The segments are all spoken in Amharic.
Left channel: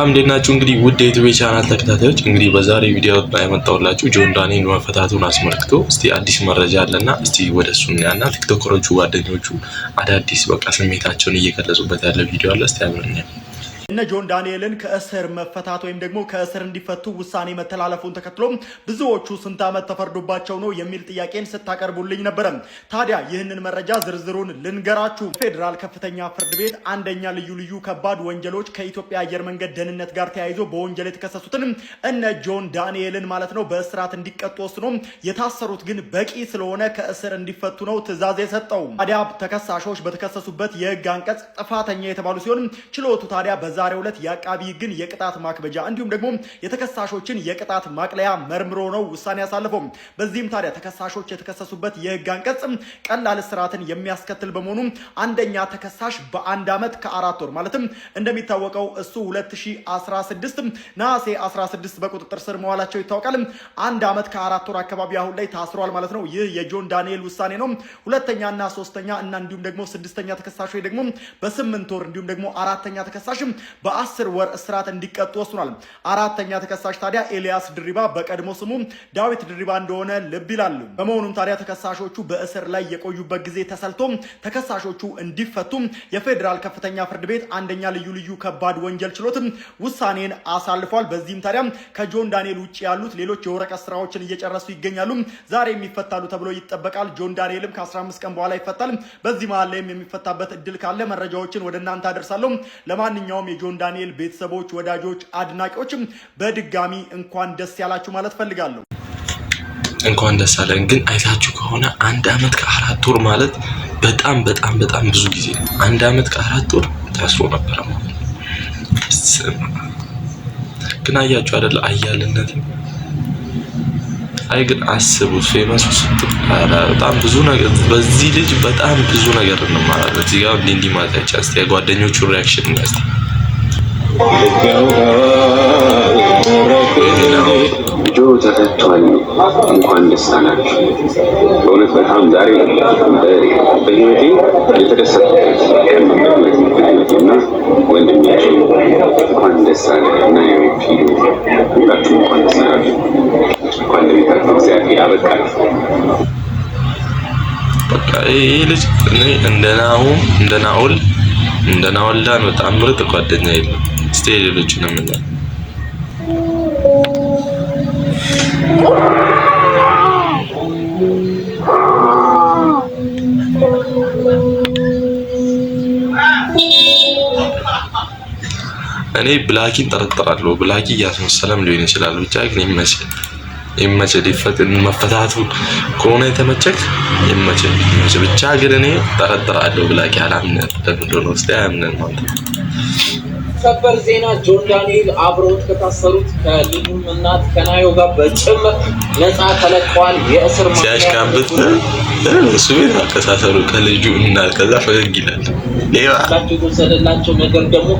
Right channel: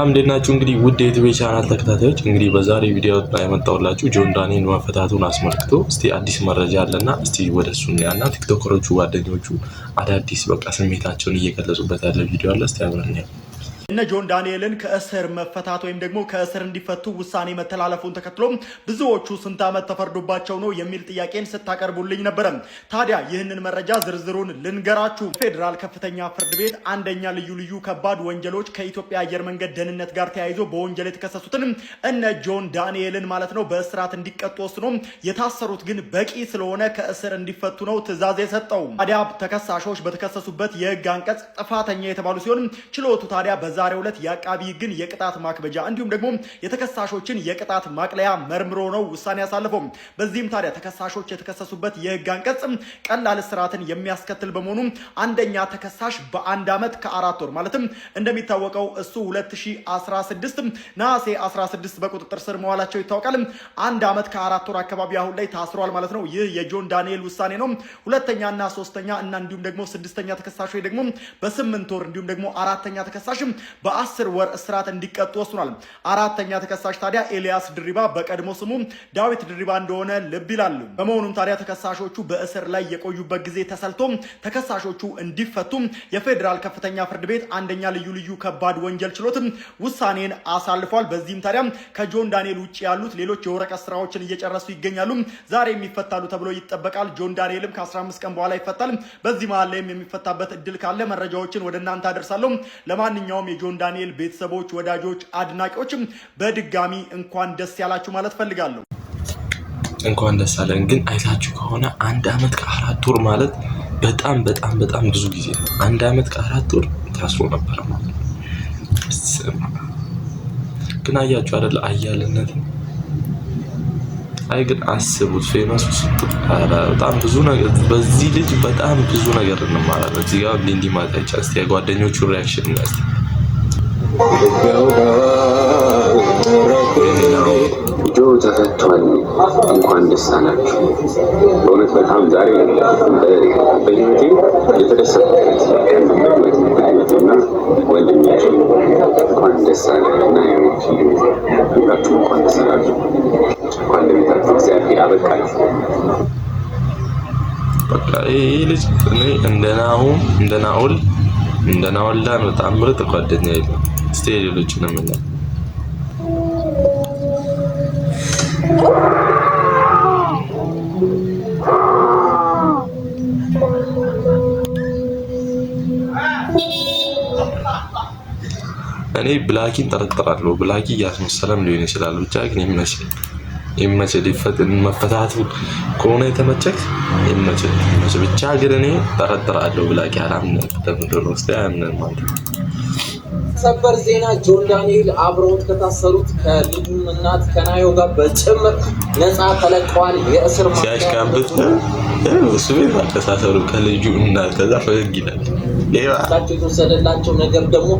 አምደናችሁ እንግዲህ ውድ የዩቲዩብ ቻናል ተከታታዮች እንግዲህ በዛሬ ቪዲዮ ላይ ያመጣሁላችሁ ጆን ዳንኤል መፈታቱን አስመልክቶ እስቲ አዲስ መረጃ አለና እስቲ ወደሱ እናያና ቲክቶከሮቹ ጓደኞቹ አዳዲስ በቃ ስሜታቸውን እየገለጹበት ያለ ቪዲዮ አለ። እስቲ አብረን እነ ጆን ዳንኤልን ከእስር መፈታት ወይም ደግሞ ከእስር እንዲፈቱ ውሳኔ መተላለፉን ተከትሎ ብዙዎቹ ስንት ዓመት ተፈርዶባቸው ነው የሚል ጥያቄን ስታቀርቡልኝ ነበር። ታዲያ ይህንን መረጃ ዝርዝሩን ልንገራችሁ። ፌዴራል ከፍተኛ ፍርድ ቤት አንደኛ ልዩ ከባድ ወንጀሎች ከኢትዮጵያ አየር መንገድ ደህንነት ጋር ተያይዞ በወንጀል የተከሰሱትን እነ ጆን ዳንኤልን ማለት ነው በእስራት እንዲቀጡ ወስኖ የታሰሩት ግን በቂ ስለሆነ ከእስር እንዲፈቱ ነው ትዕዛዝ የሰጠው። ታዲያ ተከሳሾች በተከሰሱበት የህግ አንቀጽ ጥፋተኛ የተባሉ ሲሆን ችሎቱ ታዲያ ዛሬው ዕለት የአቃቢ ግን የቅጣት ማክበጃ እንዲሁም ደግሞ የተከሳሾችን የቅጣት ማቅለያ መርምሮ ነው ውሳኔ ያሳለፈው። በዚህም ታዲያ ተከሳሾች የተከሰሱበት የህግ አንቀጽ ቀላል እስራትን የሚያስከትል በመሆኑ አንደኛ ተከሳሽ በአንድ ዓመት ከ4 ወር ማለትም እንደሚታወቀው እሱ 2016 ነሐሴ 16 በቁጥጥር ስር መዋላቸው ይታወቃል። አንድ ዓመት ከ4 ወር አካባቢ አሁን ላይ ታስሯል ማለት ነው። ይህ የጆን ዳንኤል ውሳኔ ነው። ሁለተኛና ሶስተኛ እና እንዲሁም ደግሞ ስድስተኛ ተከሳሾች ደግሞ በ8 ወር እንዲሁም ደግሞ አራተኛ ተከሳሽ በ10 ወር እስራት እንዲቀጡ ወስኗል። አራተኛ ተከሳሽ ታዲያ ኤልያስ ድሪባ በቀድሞ ስሙ ዳዊት ድሪባ እንደሆነ ልብ ይላል። በመሆኑም ታዲያ ተከሳሾቹ በእስር ላይ የቆዩበት ጊዜ ተሰልቶ ተከሳሾቹ እንዲፈቱ የፌዴራል ከፍተኛ ፍርድ ቤት አንደኛ ልዩ ከባድ ወንጀል ችሎት ውሳኔን አሳልፏል። በዚህም ታዲያ ከጆን ዳንኤል ውጪ ያሉት ሌሎች የወረቀት ስራዎችን እየጨረሱ ይገኛሉ። ዛሬ የሚፈታሉ ተብሎ ይጠበቃል። ጆን ዳንኤልም ከ15 ቀን በኋላ ይፈታል። በዚህ መሃል ላይም የሚፈታበት እድል ካለ መረጃዎችን ወደ እናንተ አደርሳለሁ። ለማንኛውም የጆን ዳንኤል ቤተሰቦች፣ ወዳጆች፣ አድናቂዎችም በድጋሚ እንኳን ደስ ያላችሁ ማለት ፈልጋለሁ። እንኳን ደስ አለን። ግን አይታችሁ ከሆነ አንድ ዓመት ከ4 ወር ማለት በጣም ብዙ ጊዜ አንድ ዓመት ከ4 ወር ታስሮ ነበር ማለት ነው። ግን አያችሁ አይደል አያልነት አይ ግን አስቡት ፌመስ በጣም ብዙ ነገር በዚህ ልጅ በጣም ብዙ ነገር ነው ማለት ነው። እዚህ ጋር እንዲህ ማለት አይቻልም። የጓደኞቹ ሪአክሽን ነው ተፈቷል። እንኳን ደስ አላችሁ። በእውነት በጣም ዛሬ በህይወቴ የተደሰትኩበት ቀን እና ወንድማችን እንኳን ደስ አለ እና ሁላችሁ እንኳን ደስ አላችሁ። እንኳን ለቤታችሁ እግዚአብሔር ያበቃችሁ። በቃ ይህ ልጅ እንደ ናኦልዳን በጣም ምርጥ ጓደኛ የለም። እስቲ ሌሎች ነው ምን እኔ ብላኪን ጠረጥራለሁ። ብላኪ እያስመሰለም ሊሆን ይችላል። ብቻ ግን ይመችህ መፈታቱ ከሆነ የተመቸክ ይመችህ። ብቻ ግን እኔ ጠረጥራለሁ። ብላኪ አላምንም። ለምንድን ነው እስቲ አያምንም ማለት ነው። ሰበር ዜና ጆን ዳንኤል አብረውት ከታሰሩት ከሊዱም እናት ከናዮ ጋር በጭምር ነፃ ተለቀዋል። የእስር ሲያሽካብት እሱ ቤት አከሳሰሩ ከልጁ እናት ከዛ ፈገግ ይላል። የተወሰደላቸው ነገር ደግሞ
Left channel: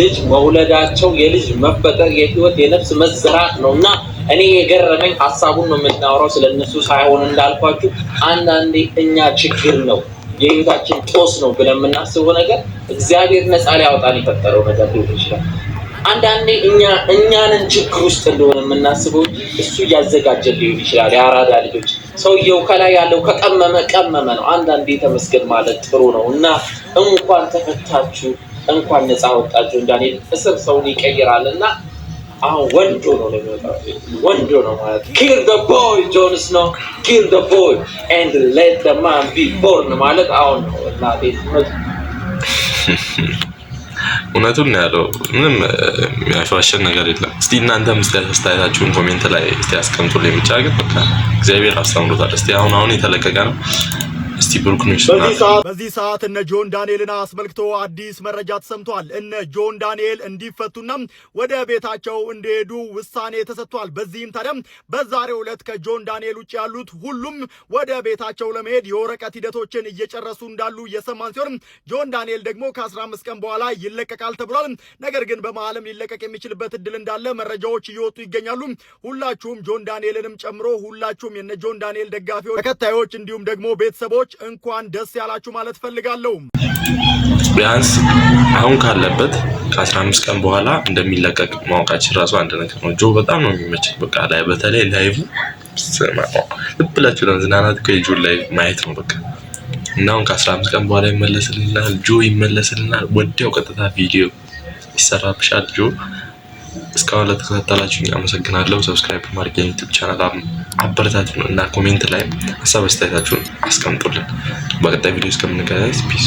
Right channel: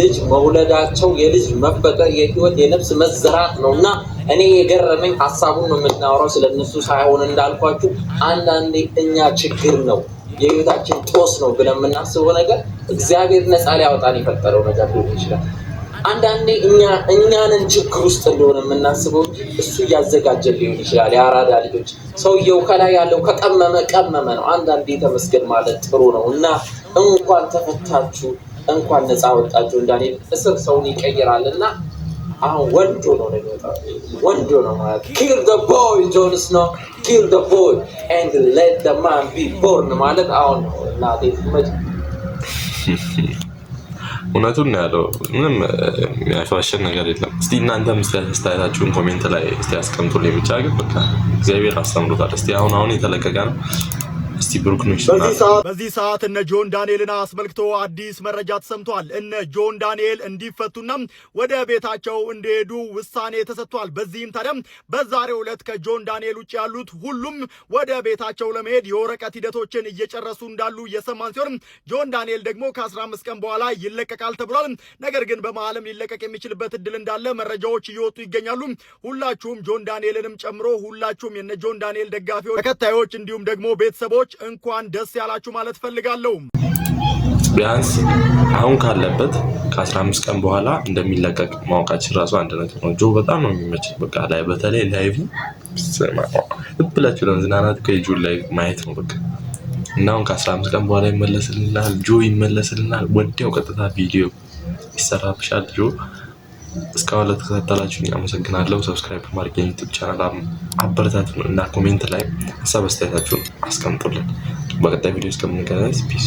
ልጅ መውለዳቸው የልጅ መፈጠር የህይወት የነፍስ መዘራት ነው እና እኔ የገረመኝ ሀሳቡን ነው የምናወራው ስለነሱ ሳይሆን እንዳልኳችሁ አንዳንዴ እኛ ችግር ነው የህይወታችን ጦስ ነው ብለን የምናስበው ነገር እግዚአብሔር ነፃ ሊያወጣን የፈጠረው ነገር ሊሆን ይችላል። አንዳንዴ እኛንን ችግር ውስጥ እንደሆነ የምናስበው እሱ እያዘጋጀን ሊሆን ይችላል። የአራዳ ልጆች ሰውየው ከላይ ያለው ከቀመመ ነው። አንዳንዴ ተመስገን ማለት ጥሩ ነው እና እንኳን ተፈታችሁ፣ እንኳን ነፃ ወጣችሁ። ዳንኤል እስር ሰውን ይቀይራል እና አሁን ወንዶ ነው ለሚወጣው ወንዶ ነው ማለት kill the boy ጆን ስኖው kill the boy and let the man be born ማለት አሁን ላዲ እውነቱን ነው ያለው። ምንም የሚያሻሽን ነገር የለም። እስቲ እናንተም አስተያየታችሁን ኮሜንት ላይ እስቲ አስቀምጡልኝ። ብቻ ግን በቃ እግዚአብሔር አስተምሮታል። እስቲ አሁን የተለቀቀ ነው። እስቲ በዚህ ሰዓት እነ ጆን ዳንኤልን አስመልክቶ አዲስ መረጃ ተሰምቷል። እነ ጆን ዳንኤል እንዲፈቱና ወደ ቤታቸው እንዲሄዱ ውሳኔ ተሰጥቷል። በዚህም ታዲያ በዛሬው ዕለት ከጆን ዳንኤል ውጭ ያሉት ሁሉም ወደ ቤታቸው ለመሄድ የወረቀት ሂደቶችን እየጨረሱ እንዳሉ የሰማን ሲሆን ጆን ዳንኤል ደግሞ ከ15 ቀን በኋላ ይለቀቃል ተብሏል። ነገር ግን በመሃልም ሊለቀቅ የሚችልበት እድል እንዳለ መረጃዎች እየወጡ ይገኛሉ። ሁላችሁም ጆን ዳንኤልንም ጨምሮ ሁላችሁም የነ ጆን ዳንኤል ደጋፊዎች፣ ተከታዮች እንዲሁም ደግሞ ቤተሰቦች እንኳን ደስ ያላችሁ ማለት ፈልጋለሁ። ቢያንስ አሁን ካለበት ከ15 ቀን በኋላ እንደሚለቀቅ ማወቃችን ራሱ አንድ ነገር ነው። ጆ በጣም ነው የሚመቸኝ። በቃ ላይ በተለይ ላይቭ ልብ ብላችሁ ለመዝናናት እኮ የጆን ላይቭ ማየት ነው በቃ። እና አሁን ከ15 ቀን በኋላ ይመለስልናል፣ ጆ ይመለስልናል። ወዲያው ቀጥታ ቪዲዮ ይሰራብሻል ጆ። እስካሁን ለተከታተላችሁኝ አመሰግናለሁ። ሰብስክራይብ ማድረግ የዩቲዩብ ቻናል አበረታቱን እና ኮሜንት ላይ ሀሳብ አስተያየታችሁን አስቀምጡልን። በቀጣይ ቪዲዮ እስከምንገናኝ ፒስ